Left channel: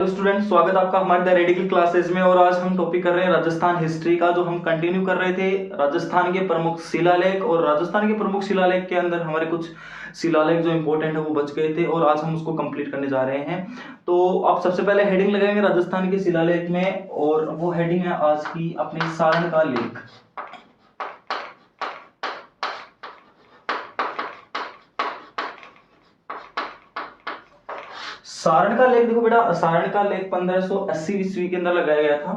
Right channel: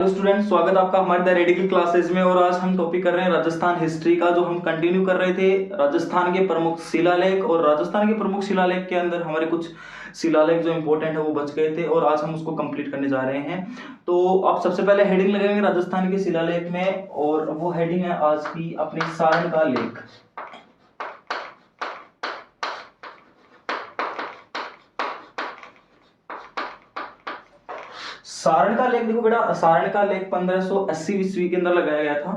Hello student, स्वागत है आपका हमारे द रेडिकल क्लासेस में। और आज हम टॉपिक कर रहे हैं राजस्थान हिस्ट्री का, जो हम कंटिन्यू कर रहे थे राजस्थान के प्रमुख शिलालेख। और राजस्थान के प्रमुख शिलालेख के अंदर हमारे कुछ शिलालेख जो इंपॉर्टेंट है वो बच गए थे और आज हम उसको कंप्लीट करने जा रहे हैं। तो आप सबसे पहले हेडिंग लगाएंगे राजस्थान के शिलालेख में, और वो हेडिंग है आज की अपने सारण का लेख। सारण का लेख देखो बेटा, सारण का लेख 1580 ईस्वी के अंदर लगाया गया था।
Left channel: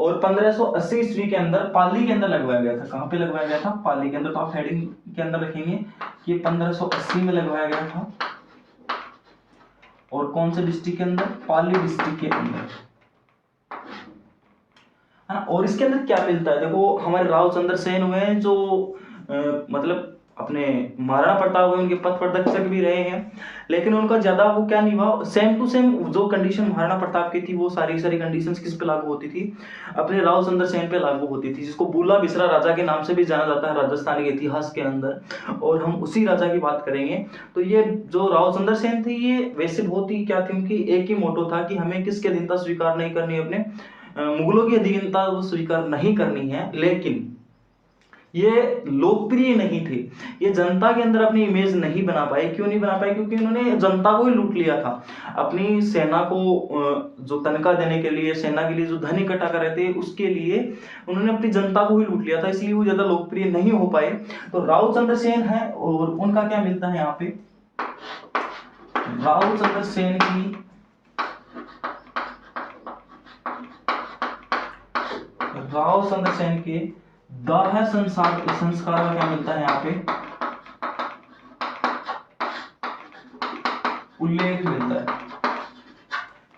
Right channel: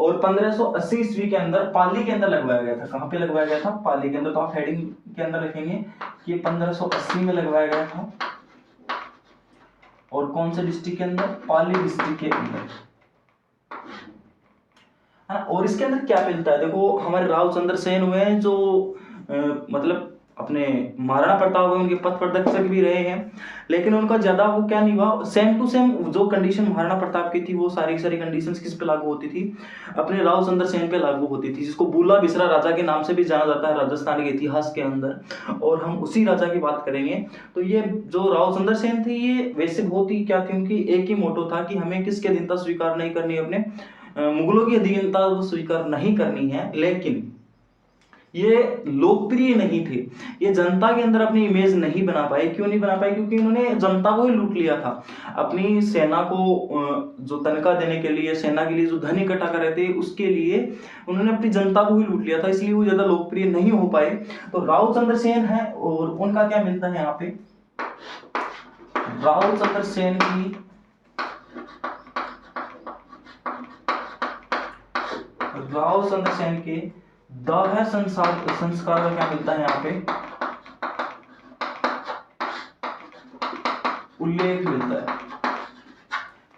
और 1580 ईस्वी के अंदर पाली के अंदर लगवाया गया था। कहां पे लगवाया गया था? पाली के अंदर। तो आप हेडिंग के अंदर रखेंगे कि ये 1580 में लगवाया गया था। और कौन से डिस्ट्रिक्ट के अंदर? पाली डिस्ट्रिक्ट के अंदर। और इसके अंदर क्या मिलता है? देखो, हमारे राव चंद्र सेन हुए हैं जो मतलब अपने महाराणा प्रताप हुए, उनके पथ प्रदर्शक भी रहे हैं, लेकिन उनका ज्यादा वो क्या नहीं हुआ। सेम टू सेम जो कंडीशन महाराणा प्रताप की थी वो सारी की सारी कंडीशंस किस पे लागू होती थी? अपने राव चंद्र सेन पे लागू होती थी, जिसको बूला बिसरा राजा के नाम से भी जाना जाता है राजस्थान के इतिहास के अंदर। और हम उसी राजा की बात करेंगे। तो ये जो राव चंद्र सेन थे, ये वैसे बहुत ही क्या थी, उनकी एक ही मोटो था कि हमें किसकी अधीनता स्वीकार नहीं करनी, अपने मुगलों की अधीनता वो स्वीकार नहीं करनी है। लेकिन ये लोकप्रिय नहीं थे, ये जनता के अंदर अपनी इमेज नहीं बना पाए। क्यों नहीं बना पाए? क्योंकि उन्होंने जनता को ही लूट लिया था। अपनी सेना को जो तनख्वाह देने के लिए, सेना के लिए जो धन इकट्ठा कर रहे थे, उसके लिए उन्होंने अपनी जनता को ही लूट लिया था, इसलिए वो ज्यादा लोकप्रिय नहीं हो पाए। तो राव चंद्र सेन है, और उनका क्या मिलता है यहाँ पे? राव चंद्र सेन की राव चंद्र सेन के दाह संस्कार का क्या मिलता है यहाँ पे? उल्लेख मिलता है।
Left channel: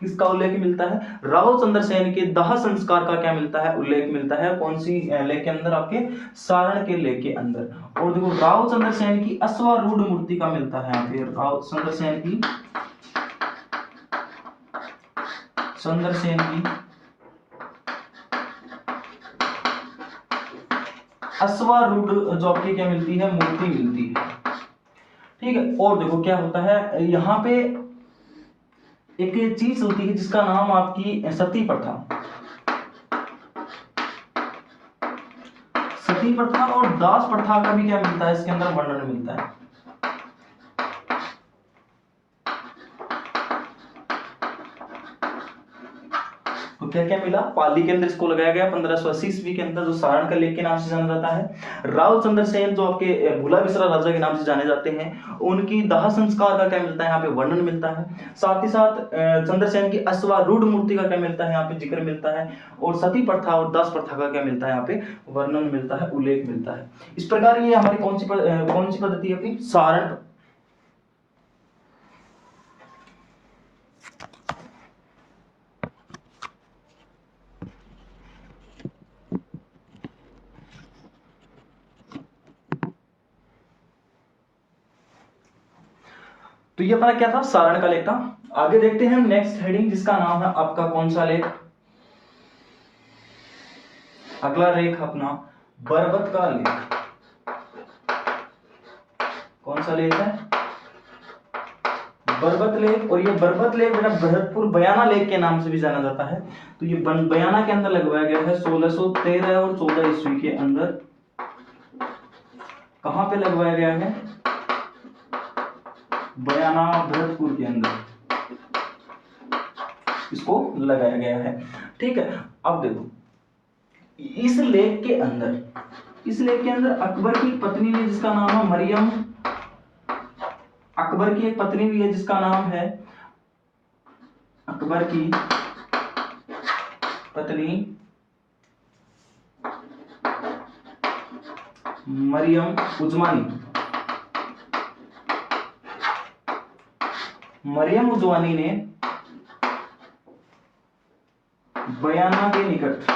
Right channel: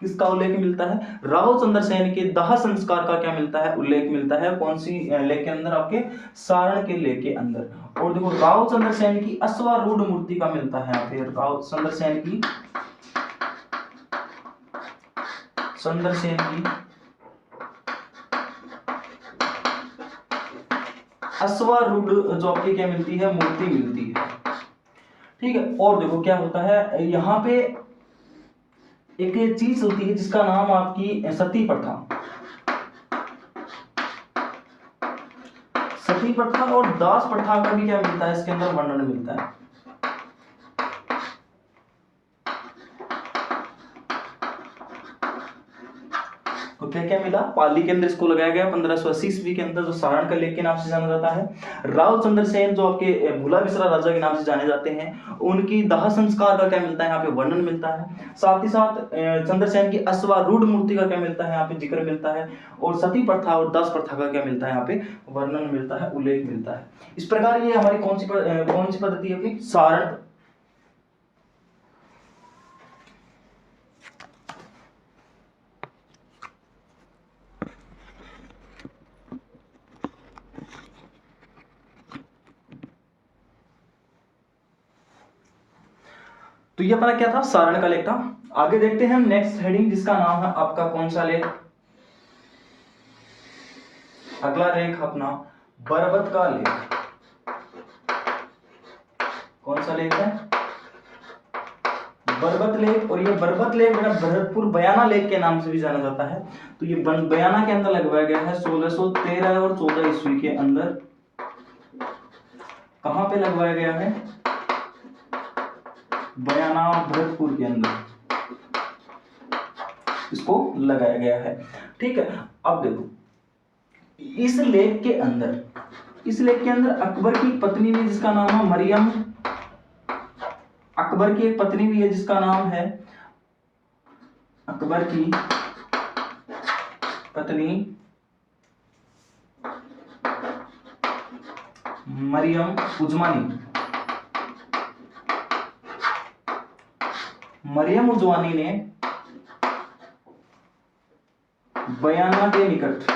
किसका उल्लेख मिलता है? राव चंद्र सेन के दाह संस्कार का क्या मिलता है? उल्लेख मिलता है। कौन सी लेख के अंदर? आपके सारण के लेख के अंदर। और देखो, राव चंद्र सेन की अश्वारूढ़ मूर्ति का मिलता है यहाँ पे। राव चंद्र सेन की अश्वारूढ़ जो आपकी क्या मिलती है? मूर्ति मिलती है। ठीक है। और देखो क्या होता है यहाँ पे, एक चीज होती है जिसका नाम आपकी सती प्रथा। सती प्रथा और दास प्रथा का भी क्या मिलता है? इसके अंदर वर्णन मिलता है। तो क्या क्या मिला? पाली के अंदर इसको लगाया गया 1580 ईस्वी के अंदर, जो सारण का लेख के नाम से जाना जाता है। राव चंद्र सेन जो आपके भूला बिसरा राजा के नाम से जाने जाते हैं, उनकी दाह संस्कार का क्या मिलता है? यहाँ पे वर्णन मिलता है। साथ ही साथ चंद्रसेन की अश्वारूढ़ मूर्ति का क्या मिलता है? यहाँ पे जिक्र मिलता है। और सती प्रथा और दास प्रथा का क्या मिलता है? यहाँ पे वर्णन मिलता है, उल्लेख मिलता है। इस प्रकार ये हमारी कौन सी पद्धति है? अपनी सारण। तो ये अपना क्या था? सारण का लेख था। आगे देखते हैं नेक्स्ट हेडिंग, जिसका नाम है आपका कौन सा लेख? अगला लेख अपना बरबत का लेख। कौन सा लेख है? बरबत लेख। और ये बरबत लेख बेटा भरतपुर बयाना लेख के नाम से भी जाना जाता है। तो ये बयाना के अंदर लगवाया गया है 1613 और 14 ईस्वी के अंदर। कहां पे लगवाया गया है? बयाना भरतपुर के अंदर इसको लगाया गया है। ठीक है। अब देखो, इस लेख के अंदर अकबर की पत्नी ने, जिसका नाम है मरियम, अकबर की एक पत्नी भी है जिसका नाम है, अकबर की पत्नी मरियम उजवानी ने बयाना के निकट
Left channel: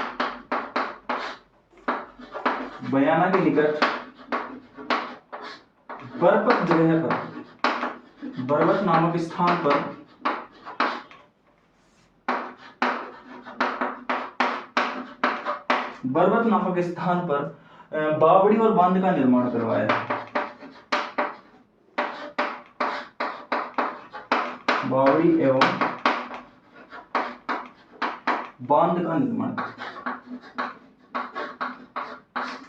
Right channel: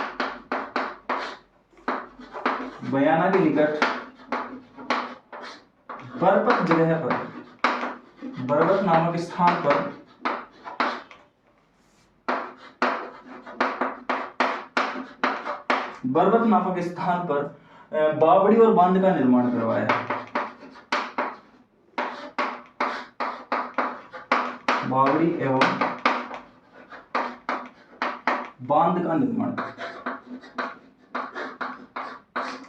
बरबत जगह पर, बरबत नामक स्थान पर बावड़ी और बांध का निर्माण करवाया है। बावड़ी एवं बांध का निर्माण,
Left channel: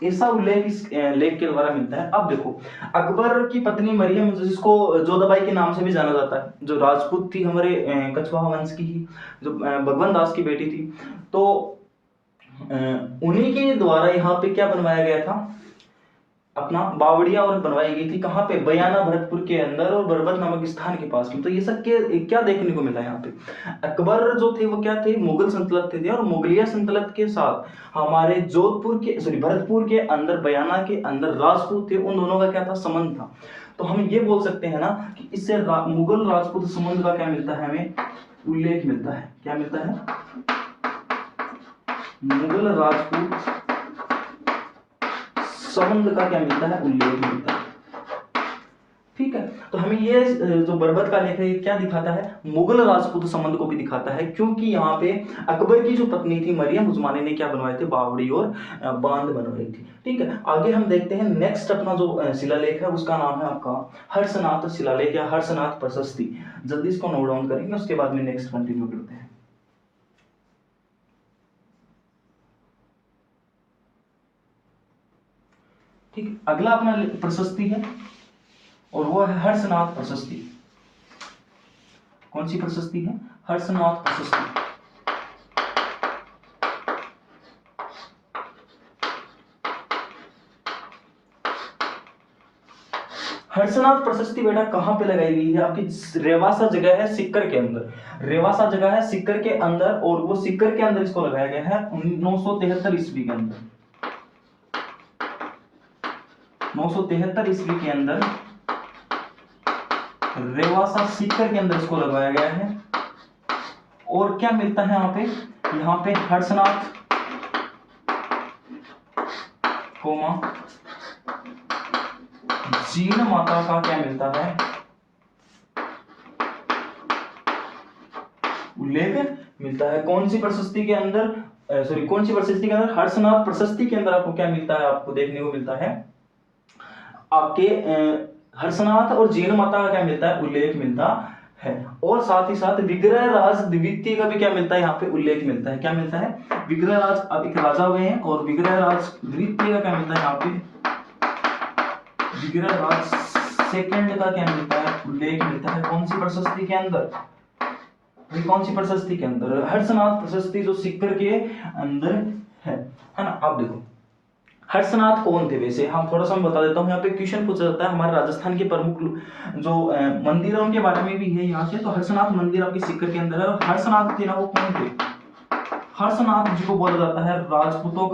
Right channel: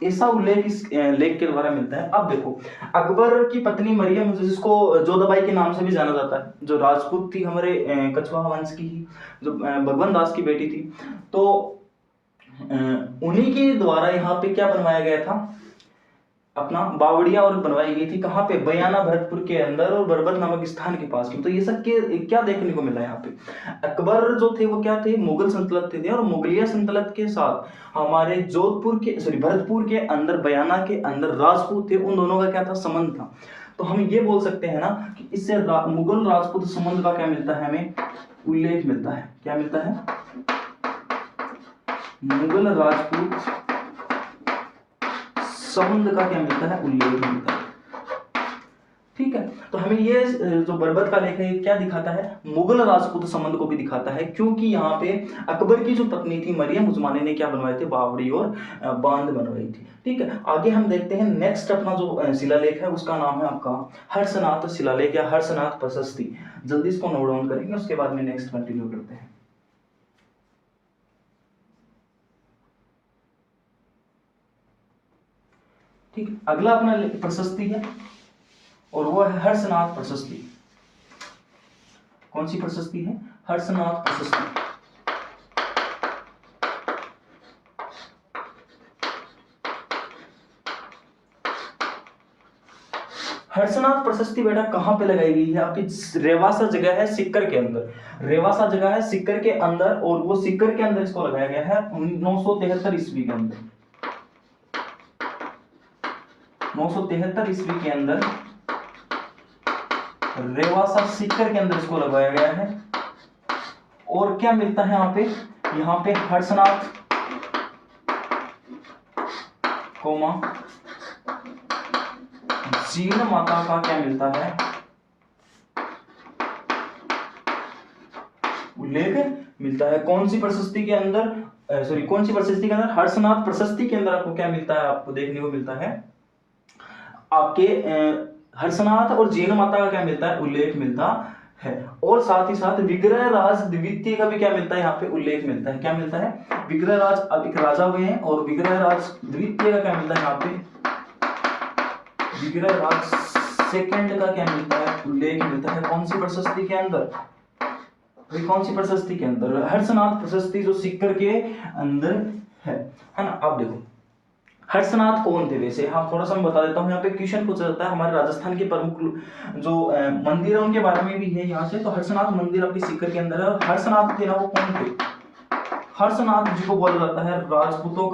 ऐसा उल्लेख इस लेख के द्वारा मिलता है। अब देखो, अकबर की पत्नी मरियम, जिसको जोधाबाई के नाम से भी जाना जाता है, जो राजपूत थी, हमारे कछवाहा वंश की ही, जो भगवान दास की बेटी थी, तो उन्हीं के द्वारा यहाँ पे क्या बनवाया गया था, अपना बावड़िया और बनवाई गई थी। कहाँ पे, बयाना भरतपुर के अंदर और बरबत नामक स्थान के पास में। तो ये सब के क्या देखने को मिला यहाँ पे, अकबर जो थे वो क्या थे, मुगल सल्तनत थे, और मुगलिया सल्तनत के साथ हमारे जोधपुर के भरतपुर के अंदर, बयाना के अंदर राजपूत थे, उन दोनों का क्या था, संबंध था। तो हम ये बोल सकते हैं ना कि इससे मुगल राजपूत संबंध का क्या मिलता है, हमें उल्लेख मिलता है। क्या मिलता है, मुगल राजपूत संबंध का क्या मिलता है, उल्लेख मिलता है। ठीक है, तो हमें ये जो बरबत का लेख है ये क्या दिखाता है, मुगल राजपूत संबंध को भी दिखाता है, क्योंकि यहाँ पे अकबर की जो पत्नी थी मरियम उज़मानी ने क्या बनवाए थे, बावड़ी और बांध बनवाई थी। ठीक है, आगे हम देखते हैं नेक्स्ट अपना जो शिलालेख है उसका नाम है आपका हर्षनाथ शिलालेख या हर्षनाथ प्रशस्ति। जल्दी इसको नोट डाउन करेंगे, उसके बाद में नेक्स्ट कंटिन्यू करते हैं। ठीक, अगला अपना प्रशस्ति है और वो है हर्षनाथ प्रशस्ति। कौन सी प्रशस्ति है, हर्षनाथ प्रशस्ति। हर्षनाथ प्रशस्ति बेटा कहां पे लगाई गई है, आपकी रेवासा जगह है सिक्कर के अंदर, रेवासा जगह है सिक्कर के अंदर, और वो सिक्कर के अंदर इसको लगाया गया है 973 ईस्वी के अंदर। 973 ईस्वी के अंदर रेवासा सिक्कर के अंदर इसको लगाया गया है। और क्या मिलता है यहाँ पे हर्षनाथ जीन माता का क्या मिलता है, उल्लेख मिलता है। कौन सी प्रशस्ति के अंदर, कौन सी प्रशस्ति के अंदर, हर्षनाथ प्रशस्ति के अंदर आपको क्या मिलता है, आपको देखने को मिलता है आपके हर्षनाथ और जीन माता का क्या मिलता है, उल्लेख मिलता है। और साथ ही साथ विग्रह राज द्वितीय का भी क्या मिलता है, यहाँ पे उल्लेख मिलता है। क्या मिलता है, विग्रह राज, अब एक राजा हुए हैं, और विग्रह राज द्वितीय का क्या मिलता है, यहाँ पे विग्रह राज सेकंड का क्या मिलता है, उल्लेख मिलता है। कौन सी प्रशस्ति के अंदर, कौन सी प्रशस्ति के अंदर, हर्षनाथ प्रशस्ति जो सिक्कर के अंदर है ना। आप देखो हर्षनाथ कौन थे, वैसे हाँ थोड़ा सा मैं बता देता हूँ, यहाँ पे क्वेश्चन पूछा जाता है हमारे राजस्थान के प्रमुख जो मंदिर है उनके बारे में भी है यहाँ से। तो हर्षनाथ मंदिर आपके सिक्कर के अंदर है, और हर्षनाथ थे ना वो कौन थे, हर्षनाथ जिसको बोला जाता है राजपूतों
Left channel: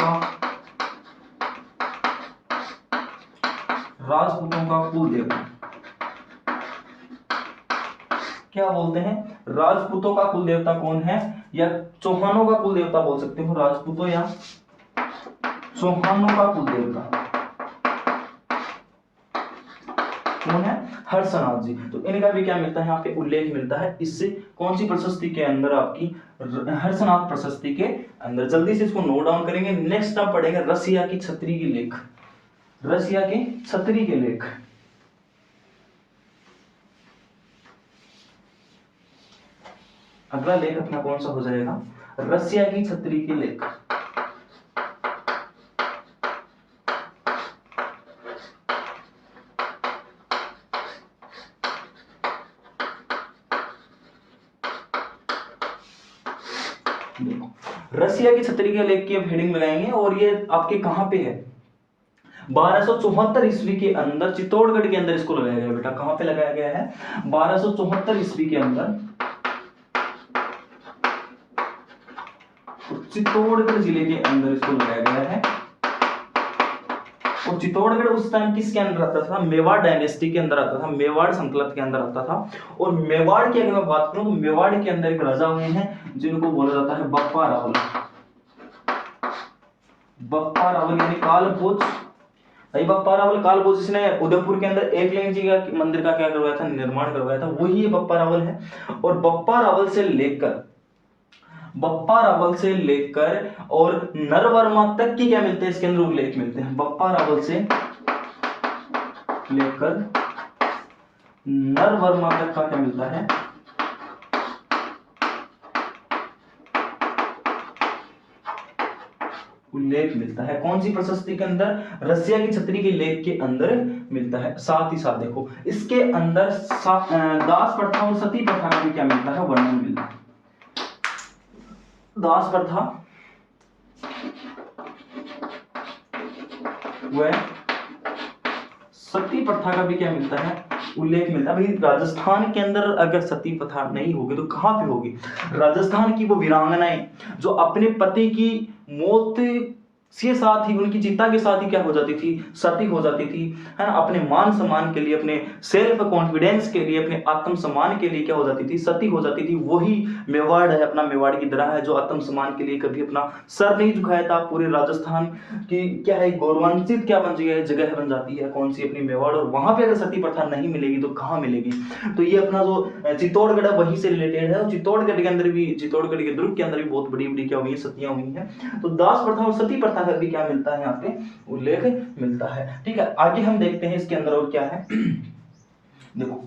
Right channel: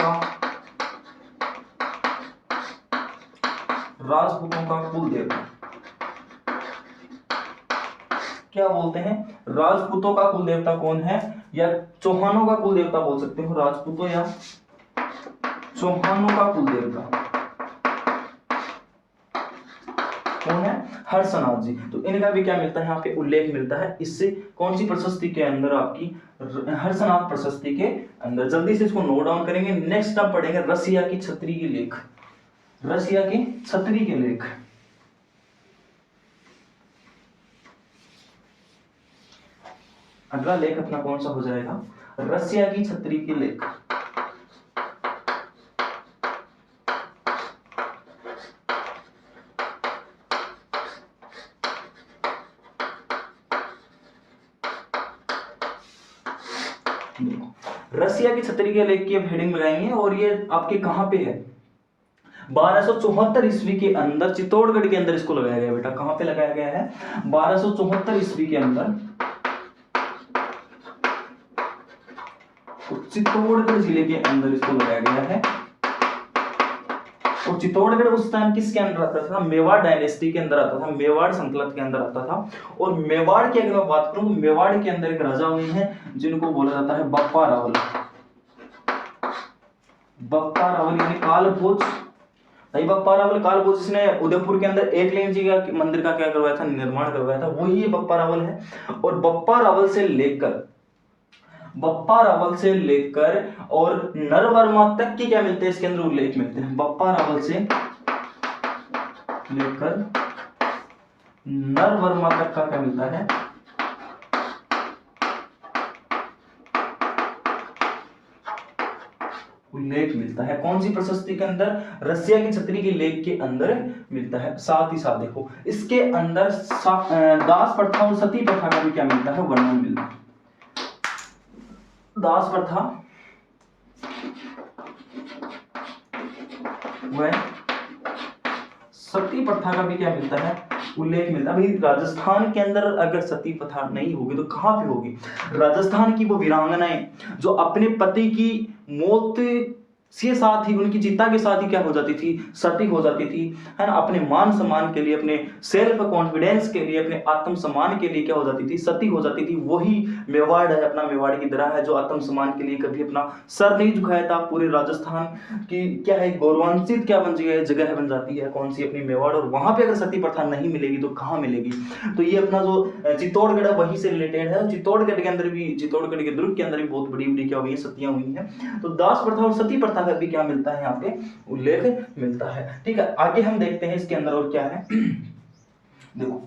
का कुल देवता। क्या बोलते हैं, राजपूतों का कुल देवता कौन है, या चौहानों का कुल देवता बोल सकते हो, राजपूतों या चौहानों का कुल देवता कौन है, हर्षनाथ जी। तो इनका भी क्या मिलता है, यहाँ पे उल्लेख मिलता है। इससे कौन सी प्रशस्ति के अंदर, आपकी हर्षनाथ प्रशस्ति के अंदर। जल्दी से इसको नोट डाउन करेंगे। नेक्स्ट आप पढ़ेंगे रसिया की छतरी की लेख, रसिया के छतरी के लेख। अगला लेख अपना कौन सा हो जाएगा, रसिया की छतरी की लेख। रसिया की छतरी के लेख की अब हेडिंग लगाएंगे, और ये आपके कहां पे है, 1274 ईस्वी के अंदर चित्तौड़गढ़ के अंदर इसको लगाया गया बेटा। कहां पे लगाया गया है, 1274 ईस्वी के अंदर चित्तौड़गढ़ जिले के अंदर इसको लगाया गया है। और चित्तौड़गढ़ उस टाइम किसके अंदर आता था, मेवाड़ डायनेस्टी के अंदर आता था, मेवाड़ संकलत के अंदर आता था। और मेवाड़ की अगर मैं बात करूं तो मेवाड़ के अंदर एक राजा हुए हैं जिनको बोला जाता है बप्पा रावल। बप्पा रावल यानी कालभोज, नहीं बप्पा रावल कालभोज जिसने उदयपुर के अंदर एकलिंग जी का मंदिर का क्या करवाया था, निर्माण करवाया था, वही बप्पा रावल है। और बप्पा रावल से लेकर और नरवर्मा तक की क्या मिलते हैं, इसके अंदर उल्लेख मिलते हैं। बप्पा रावल से लेकर नरवर्मा तक का क्या मिलता है, उल्लेख मिलता है। कौन सी प्रशस्ति के अंदर? रसिया की छतरी के लेख के अंदर मिलता है। साथ ही साथ देखो इसके अंदर दास प्रथा और सती प्रथा का भी क्या मिलता है? वर्णन मिलता है। दास प्रथा व सती प्रथा का भी क्या मिलता है? उल्लेख मिलता है। भाई राजस्थान के अंदर अगर सती प्रथा नहीं होगी तो कहां पे होगी? राजस्थान की वो वीरांगनाएं जो अपने पति की मौत के साथ ही, उनकी चिता के साथ ही क्या हो जाती थी? सती हो जाती थी, है ना। अपने मान सम्मान के लिए, अपने सेल्फ कॉन्फिडेंस के लिए, अपने आत्म सम्मान के लिए क्या हो जाती थी? सती हो जाती थी। वही मेवाड़ है, अपना मेवाड़ की तरह है, जो आत्म सम्मान के लिए कभी अपना सर नहीं झुकाया था। पूरे राजस्थान की क्या है, गौरवान्वित क्या बन गई जगह बन जाती है, कौन सी? अपनी मेवाड़। और वहां पे अगर सती प्रथा नहीं मिलेगी तो कहाँ मिलेगी? तो ये अपना जो चित्तौड़गढ़ है वहीं से रिलेटेड है। और चित्तौड़गढ़ के अंदर भी, चित्तौड़गढ़ के दुर्ग के अंदर भी बहुत बड़ी बड़ी क्या हुई, सतियां हुई हैं। तो दास प्रथा और सती प्रथा का भी क्या मिलता है? यहाँ पे उल्लेख मिलता है। ठीक है, आगे हम देखते हैं इसके अंदर और क्या है। देखो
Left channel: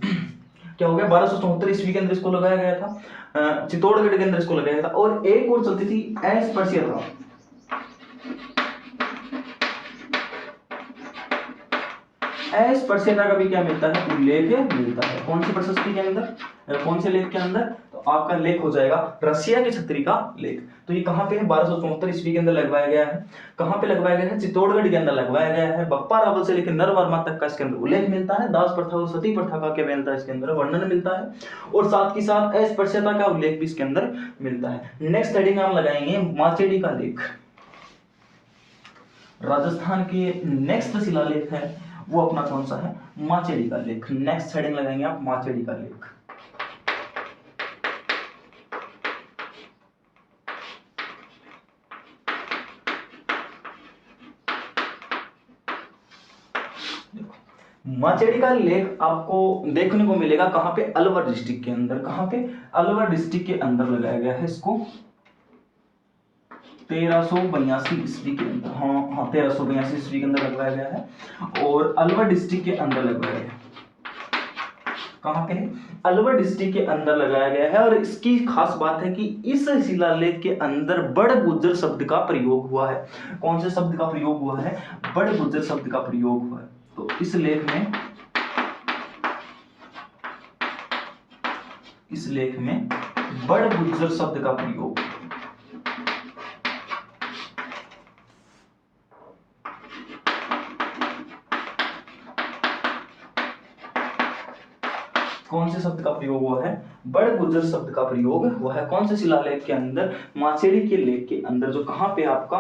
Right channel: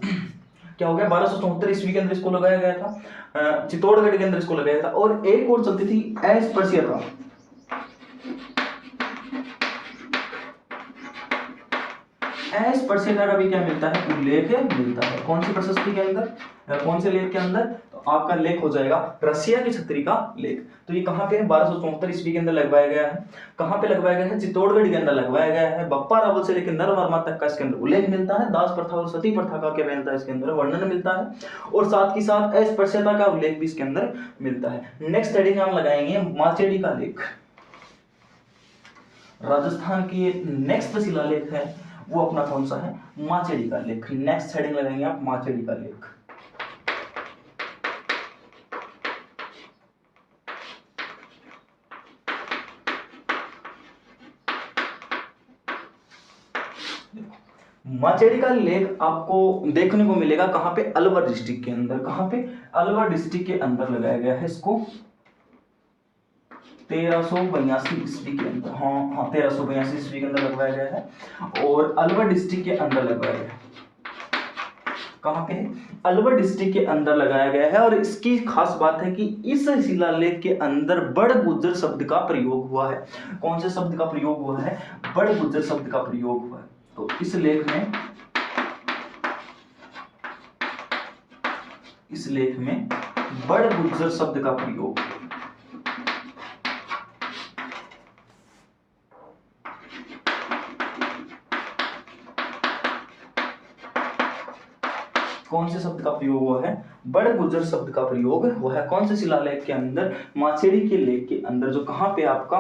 क्या हो गया, 1274 ईस्वी के अंदर इसको लगाया गया था, चित्तौड़गढ़ के अंदर इसको लगाया गया था। और एक और चलती थी अस्पृश्यता। अस्पृश्यता का भी क्या मिलता है? उल्लेख मिलता है। कौन सी प्रशस्ति के अंदर, कौन से लेख के अंदर? तो आपका लेख हो जाएगा रसिया की छतरी का लेख। तो ये कहां पे है? 1274 ईस्वी के अंदर लगवाया गया है। कहां पे लगवाया गया है? चित्तौड़गढ़ के अंदर लगवाया गया है। बप्पा रावल से लेकर नरवर्मा तक का इसके अंदर उल्लेख मिलता है। दास प्रथा और सती प्रथा का क्या मिलता है? इसके अंदर वर्णन मिलता है। और साथ ही साथ अस्पृश्यता का उल्लेख भी इसके अंदर मिलता है। नेक्स्ट हेडिंग हम लगाएंगे माचेडी का लेख। राजस्थान के नेक्स्ट शिलालेख है वो अपना कौन सा है? माचेडी का लेख। नेक्स्ट हेडिंग लगाएंगे आप माचेडी का लेख। माचेडी का लेख आपको देखने को मिलेगा कहां पे? अलवर डिस्ट्रिक्ट के अंदर। कहां पे? अलवर डिस्ट्रिक्ट के अंदर लगाया गया है इसको 1382 ईस्वी के अंदर। हाँ 1382 ईस्वी के अंदर लगवाया गया है। और अलवर डिस्ट्रिक्ट के अंदर लगवाया गया है। कहां पे है? अलवर डिस्ट्रिक्ट के अंदर लगाया गया है। और इसकी खास बात है कि इस शिलालेख के अंदर बड़ गुज्जर शब्द का प्रयोग हुआ है। कौन से शब्द का प्रयोग हुआ है? बड़ गुज्जर शब्द का प्रयोग हुआ है। तो इस लेख में बड़ गुज्जर शब्द का प्रयोग। कौन से शब्द का प्रयोग हुआ है? बड़ गुज्जर शब्द का प्रयोग हुआ है। कौन से शिलालेख के अंदर? माचेडी के लेख के अंदर, जो कहां पे आपका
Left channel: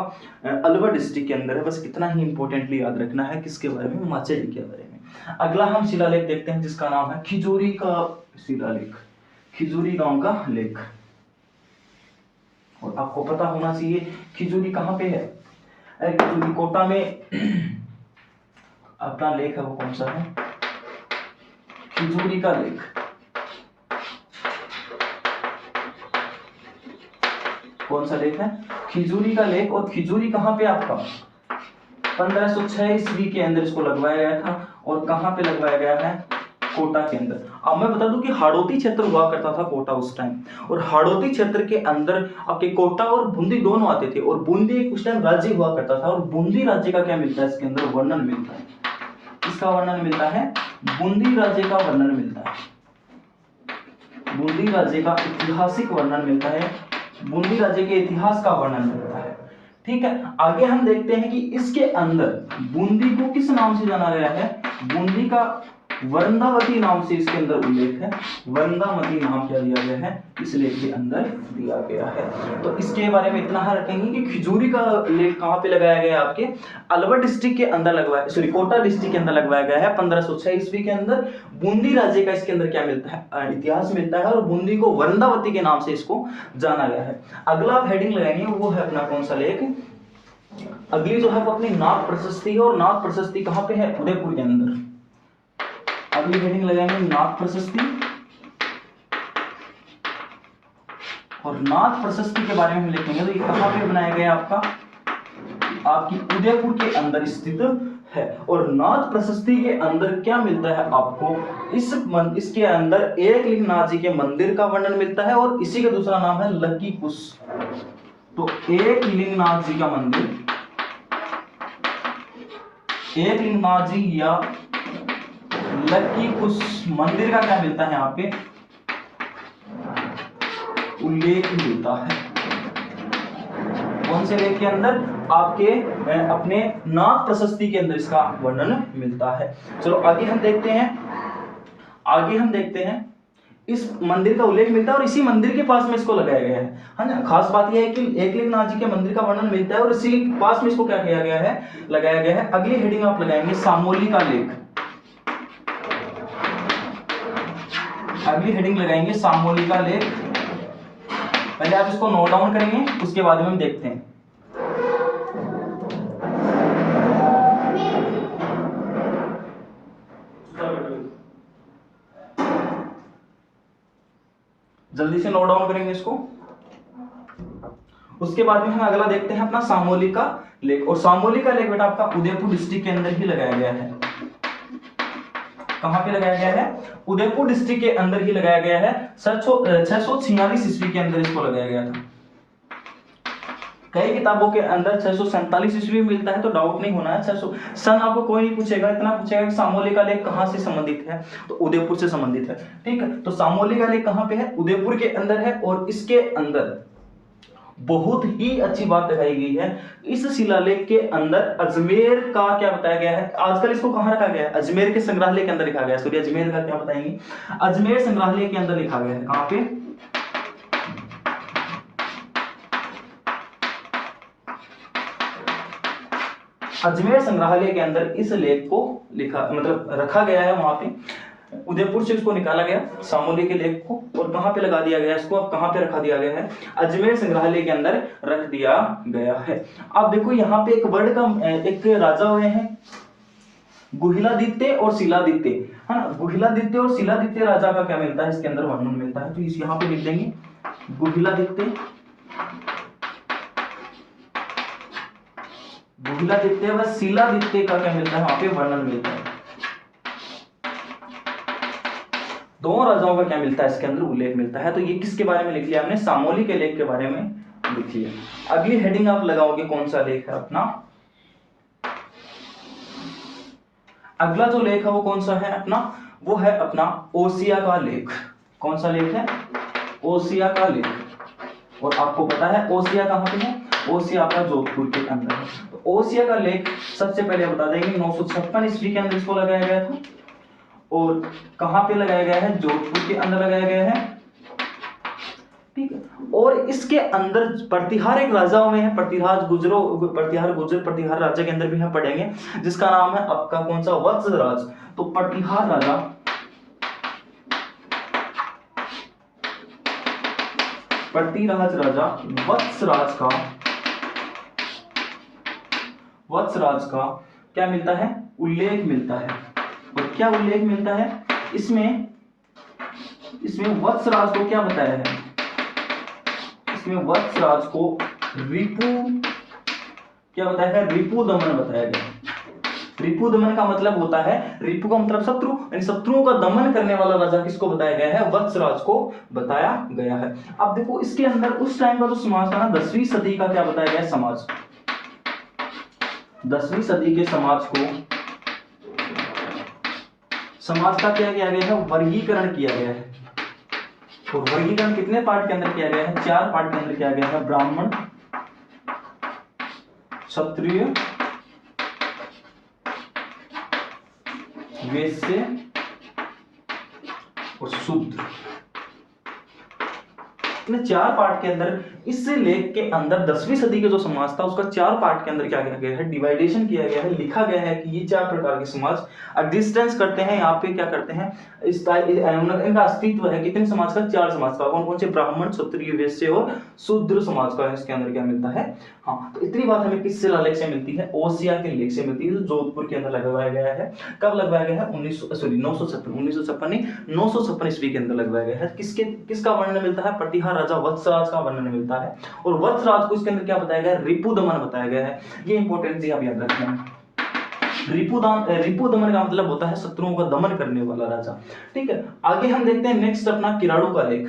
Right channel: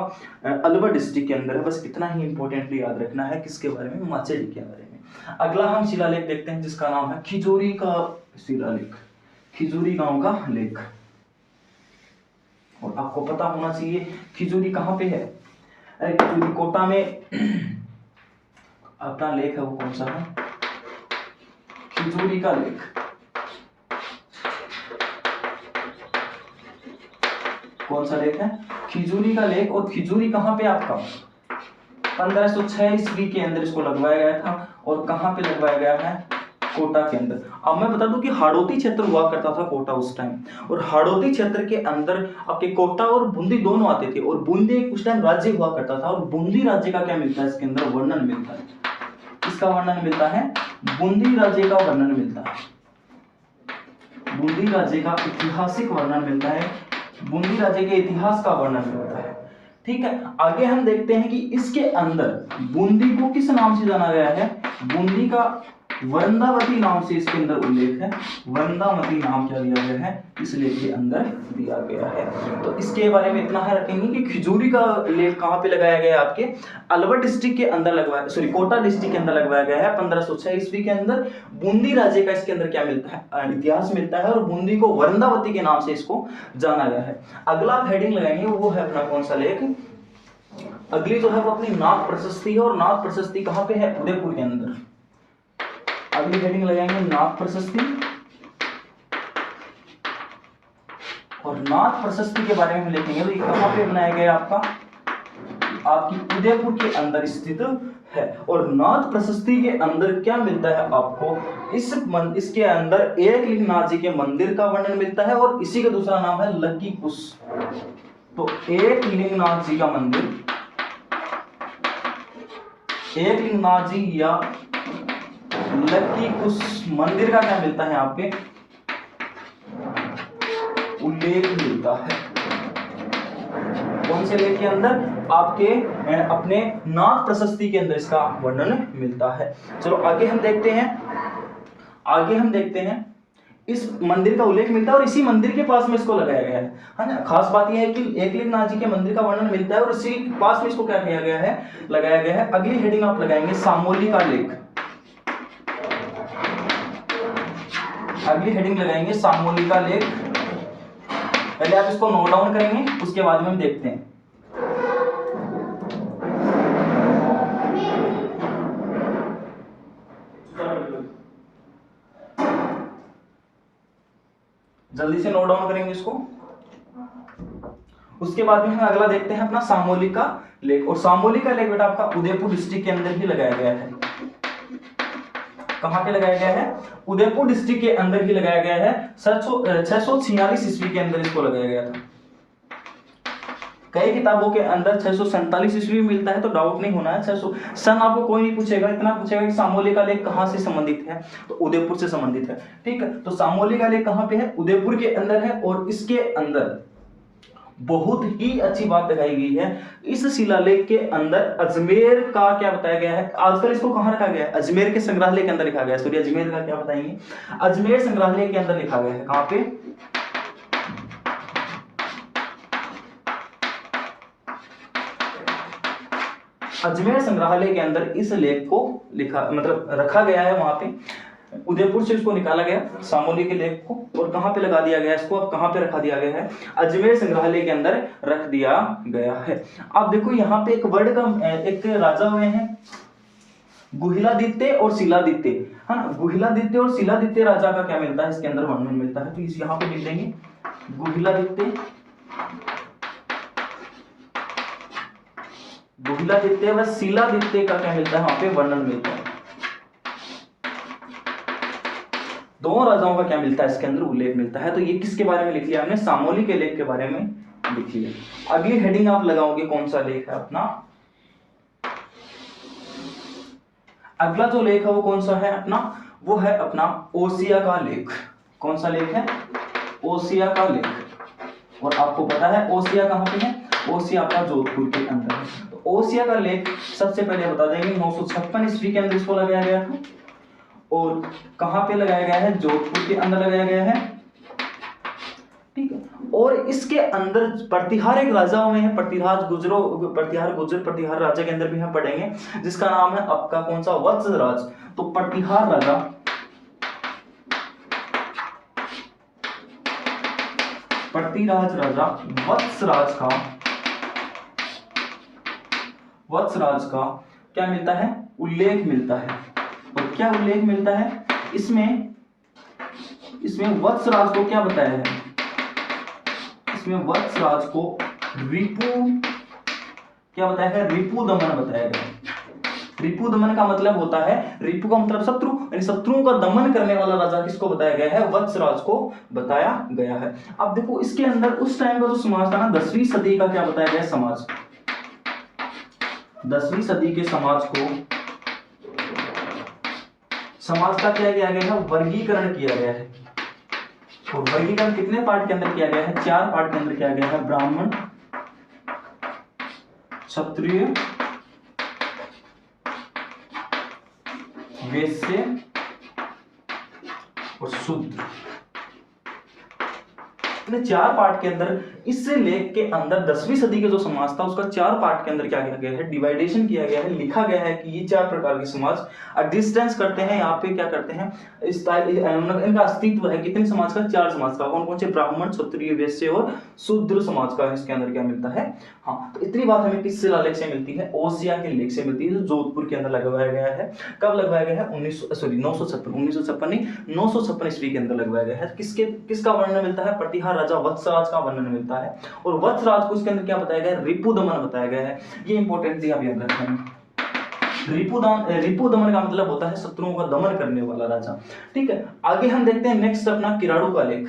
अलवर डिस्ट्रिक्ट के अंदर है। बस इतना ही इंपॉर्टेंटली याद रखना है। किसके बारे में? माचेडी के बारे में। अगला हम शिलालेख देखते हैं जिसका नाम है खिजूरी का शिलालेख। खिजूरी गांव का लेख। और आपको पता होना चाहिए खिजूरी कहां पे है? खिजूरी कोटा में अपना लेख है वो कौन सा है? खिजूरी का लेख। कौन सा लेख है? खिजूरी का लेख। और खिजूरी कहां पे आपका? 1506 ईस्वी के अंदर इसको लगवाया गया था। और कहां पे लगवाया गया है? कोटा के अंदर। अब मैं बता दूं कि हाड़ौती क्षेत्र हुआ करता था कोटा उस टाइम। और हाड़ौती क्षेत्र के अंदर आपके कोटा और बूंदी दोनों आते थे। और बूंदी उस टाइम राज्य हुआ करता था। और बूंदी राज्य का क्या मिलता है? इसके अंदर वर्णन मिलता है। इसका वर्णन मिलता है, बूंदी राज्य का वर्णन मिलता है। बूंदी राज्य का ऐतिहासिक वर्णन मिलता है। बूंदी राज्य के इतिहास का वर्णन मिलता है। ठीक है, आगे हम देखते हैं कि इसके अंदर बूंदी को किस नाम से जाना गया है? बूंदी का वृंदावती नाम से इसके अंदर उल्लेख है। वृंदावती नाम क्या दिया गया है? इस लेख के अंदर दिया गया है। तो इसके बारे में इतना है रखेंगे कि खिजूरी का लेख कहां पे लगाया गया है? आपके अलवर डिस्ट्रिक्ट के अंदर लगवाया, सॉरी कोटा डिस्ट्रिक्ट के अंदर लगवाया गया है 1506 ईस्वी के अंदर। बूंदी राज्य का इसके अंदर क्या मिलता है? इतिहास मिलता है। और बूंदी को वृंदावती के नाम से इसको जाना गया है। अगला हेडिंग लगाएंगे वो है अपना कौन सा लेख? अगली जो है वो अपनी नाथ प्रशस्ति है। और नाथ प्रशस्ति कहां पे है? उदयपुर के अंदर। अगली हेडिंग लगाएंगे नाथ प्रशस्ति। और नाथ प्रशस्ति के बारे में हम लिखेंगे तो ये कहां पे बनाया गया आपका? आपकी उदयपुर के अंदर स्थित है। और नाथ प्रशस्ति के अंदर क्या मिलता है आपको? इसके अंदर एकलिंगनाथ जी के मंदिर का वर्णन मिलता है। और इसी का दूसरा नाम है लक्की कुश। तो एकलिंगनाथ जी का मंदिर एकलिंगनाजी या लकी उस मंदिर का क्या मिलता है यहाँ पे उल्लेख मिलता है। कौन से लेख के अंदर? आपके अपने नाथ प्रशस्ति के अंदर इसका वर्णन मिलता है। चलो आगे हम देखते हैं इस मंदिर का उल्लेख मिलता है और इसी मंदिर के पास में इसको लगाया गया है ना। खास बात यह है कि एकलिंगनाथ जी के मंदिर का वर्णन मिलता है और इसी के पास में इसको क्या किया गया है, लगाया गया है। अगली हेडिंग आप लगाएंगे सामोली का लेख। अगली हेडिंग लगाएंगे सामोली का लेख। पहले आप इसको नोट डाउन करेंगे, उसके बाद में हम देखते हैं। जल्दी से नोट डाउन करेंगे इसको। उसके बाद में हम अगला देखते हैं अपना सामोली का लेख। और सामोली का लेख बेटा आपका उदयपुर डिस्ट्रिक्ट के अंदर ही लगाया गया है। कहां पे लगाया गया है? उदयपुर डिस्ट्रिक्ट के अंदर ही लगाया गया है। 646 ईस्वी के अंदर इसको लगाया गया था। कई किताबों के अंदर 647 ईस्वी मिलता है, तो डाउट नहीं होना है। 600 सन आपको कोई नहीं पूछेगा, इतना पूछेगा कि सामोली का लेख कहां से संबंधित है, तो उदयपुर से संबंधित है। ठीक है, तो सामोली का लेख कहां पे है? उदयपुर के अंदर है। और इसके अंदर बहुत ही अच्छी बात लगाई गई है। इस शिलालेख के अंदर अजमेर का क्या बताया गया है? आजकल इसको कहां रखा गया है? अजमेर के संग्रहालय के अंदर लिखा गया है। सॉरी, अजमेर का क्या बताएंगे? अजमेर संग्रहालय के अंदर लिखा गया है। कहां पे? अजमेर संग्रहालय के अंदर इस लेख को लिखा मतलब रखा गया है। वहां पे उदयपुर से इसको निकाला गया सामोली के लेख को, और कहां पे लगा दिया गया इसको? अब कहां पे रखा दिया गया है? अजमेर संग्रहालय के अंदर रख दिया गया है। अब देखो यहाँ पे एक वर्ड का एक राजा हुए हैं गुहिलादित्य और शिलादित्य, है ना। गुहिलादित्य और शिलादित्य राजा का क्या मिलता है? इसके अंदर वर्णन मिलता है। तो इस यहाँ पे लिख देंगे गुहिलादित्य व शिलादित्य का क्या मिलता है? वहां पे वर्णन मिलता है। दोनों राजाओं का क्या मिलता है? इसके अंदर उल्लेख मिलता है। तो ये किसके बारे में लिख लिया हमने? सामोली के लेख के बारे में लिख लिया। अगली हेडिंग आप लगाओगे, कौन सा लेख है अपना? अगला जो लेख है वो कौन सा है अपना? वो है अपना ओसिया का लेख। कौन सा लेख है? ओसिया का लेख। और आपको पता है ओसिया कहां पे है? ओसिया आपका जोधपुर के अंदर है। तो ओसिया का लेख सबसे पहले बता देंगे 956 ईस्वी के अंदर इसको लगाया गया था। और कहां पे लगाया गया है? जोधपुर के अंदर लगाया गया है। ठीक है, और इसके अंदर प्रतिहार एक राजा हुए हैं, प्रतिहार प्रतिहार राजा के अंदर भी हम पढ़ेंगे, जिसका नाम है आपका कौन सा? वत्सराज। तो प्रतिहार राजा वत्सराज का क्या मिलता है? उल्लेख मिलता है। और क्या उल्लेख मिलता है इसमें? वत्सराज को क्या बताया है? इसमें वत्सराज को रिपु क्या बताया है? रिपु दमन बताया गया। रिपु दमन का मतलब होता है, रिपु का मतलब शत्रु, यानी शत्रुओं का दमन करने वाला राजा किसको बताया गया है? वत्सराज को बताया गया है। अब देखो इसके अंदर उस टाइम का जो समाज था ना, 10वीं सदी का क्या बताया गया? समाज। 10वीं सदी के समाज का क्या किया गया है? वर्गीकरण किया गया है। तो वर्गीकरण कितने पार्ट के अंदर किया गया है? 4 पार्ट के अंदर किया गया है। ब्राह्मण, क्षत्रिय, वैश्य और शूद्र। इन 4 पार्ट के अंदर इस लेख के अंदर 10वीं सदी का जो समाज था उसका 4 पार्ट के अंदर क्या किया गया है? डिवाइडेशन किया गया है। लिखा गया है कि ये 4 प्रकार के समाज एग्जिस्टेंस करते हैं। यहाँ पे क्या करते हैं? इनका अस्तित्व है। कितने समाज का? 4 समाज का। कौन कौन से? ब्राह्मण, क्षत्रिय, वैश्य और शूद्र समाज का इसके अंदर क्या मिलता है। हाँ, तो इतनी बात हमें किस शिलालेख से मिलती है? ओसिया के लेख से मिलती है, जो जोधपुर के अंदर लगवाया गया है। कब लगवाया गया है? 956 ईस्वी के अंदर लगवाया गया है। किसका वर्णन मिलता है? प्रतिहार राजा वत्सराज का वर्णन मिलता है। और वत्सराज को इसके अंदर क्या बताया गया? रिपु दमन बताया गया है। ये इंपॉर्टेंट थी, आप याद रखें। रिपु दमन का मतलब होता है शत्रुओं का दमन करने वाला राजा। ठीक है, आगे हम देखते हैं नेक्स्ट अपना किराड़ू का लेख।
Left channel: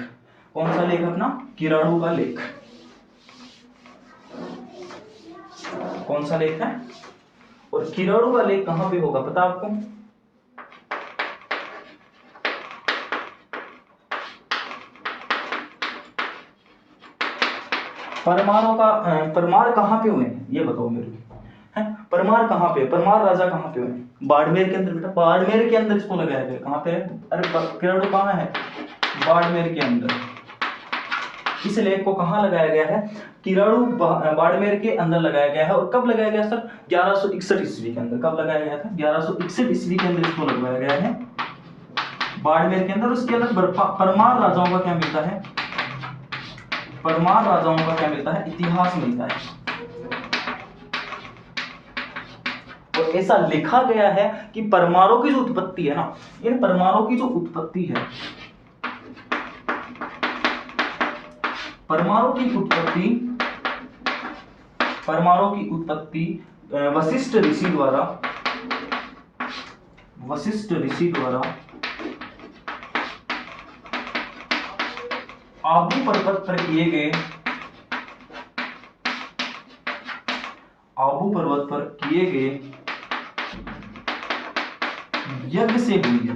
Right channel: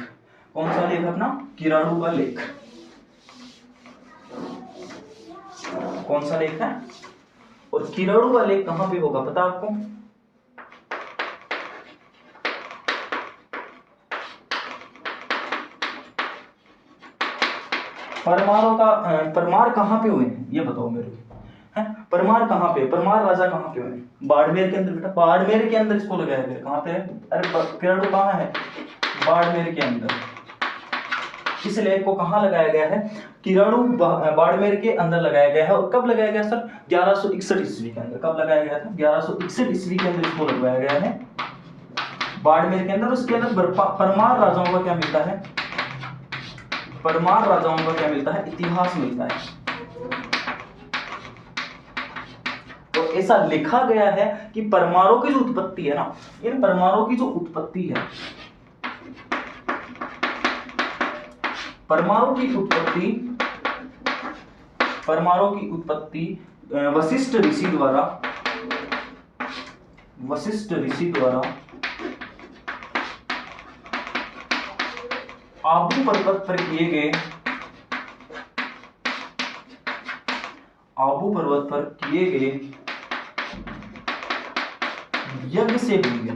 कौन सा लेख अपना? किराड़ू का लेख। कौन सा लेख है? और किराड़ू का लेख कहाँ पे होगा पता आपको? परमार कहाँ पे हुए ये बताओ मेरे को, है परमार कहाँ पे, परमार राजा कहाँ पे हुए? बाड़मेर के अंदर बेटा, बाड़मेर के अंदर इसको लगाया गया। कहाँ पे है? अरे किराड़ू कहाँ है? बाड़मेर के अंदर। इस लेख को कहाँ लगाया गया है? किराड़ू बाड़मेर के अंदर लगाया गया है। और कब लगाया गया सर? 1161 ईस्वी के अंदर। कब लगाया गया था? 1161 ईस्वी के अंदर इसको लगाया गया है बाड़मेर के अंदर। उसके अंदर परमार राजाओं का क्या मिलता है? परमार राजाओं का क्या मिलता है? इतिहास मिलता है। और ऐसा लिखा गया है कि परमारों की जो उत्पत्ति है ना, इन परमारों की जो उत्पत्ति है, परमाणु की उत्पत्ति वशिष्ठ ऋषि द्वारा आबू पर्वत पर किए गए यज्ञ से हुई है।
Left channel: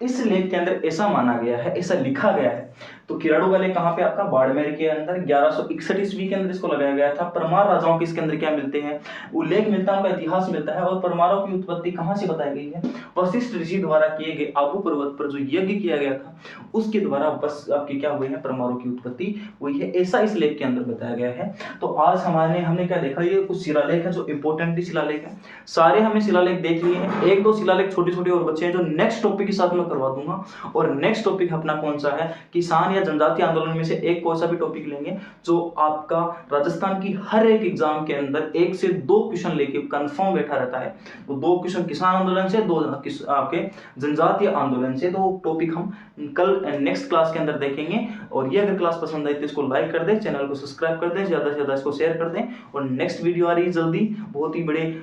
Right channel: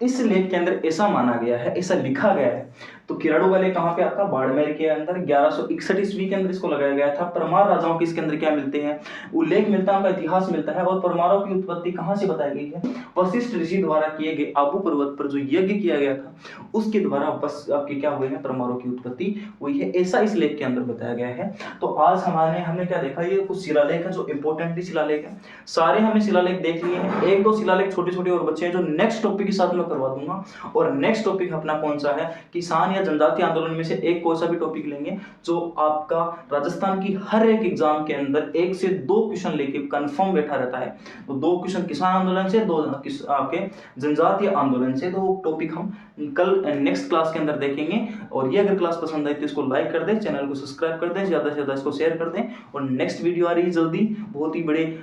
इस लेख के अंदर ऐसा माना गया है, ऐसा लिखा गया है। तो किराड़ू का लेख कहाँ पे आपका? बाड़मेर के अंदर 1161 ईस्वी के अंदर इसको लगाया गया था। परमार राजाओं के इसके अंदर क्या मिलते हैं? उल्लेख मिलता है, उनका इतिहास मिलता है। और परमारों की उत्पत्ति कहाँ से बताई गई है? वशिष्ठ ऋषि द्वारा किए गए आबू पर्वत पर जो यज्ञ किया गया था उसके द्वारा बस आपके क्या हुए हैं? परमारों की उत्पत्ति हुई है। ऐसा इस लेख के अंदर बताया गया है। तो आज हमने क्या देखा? ये कुछ शिलालेख है जो इंपॉर्टेंट शिलालेख है। सारे हमें शिलालेख देख लिए हैं। एक दो शिलालेख छोटे छोटे और बच्चे हैं जो नेक्स्ट टॉपिक के साथ में करवा दूंगा। और नेक्स्ट टॉपिक अपना कौन सा है? किसान या जनजातीय आंदोलन में से एक कोई सा भी टॉपिक लेंगे जो आपका राजस्थान की हर एक एग्जाम के अंदर 1 से 2 क्वेश्चन लेके कंफर्म बैठा रहता है। तो 2 क्वेश्चन किसान आंदोलन से, 2 आपके जनजातीय आंदोलन से। तो टॉपिक हम कल नेक्स्ट क्लास के अंदर देखेंगे। और ये अगर क्लास पसंद आई तो इसको लाइक कर दें, चैनल को सब्सक्राइब कर दें, ज्यादा से ज्यादा इसको शेयर कर दें। और नेक्स्ट वीडियो आ रही है जल्दी, बहुत ही बड़े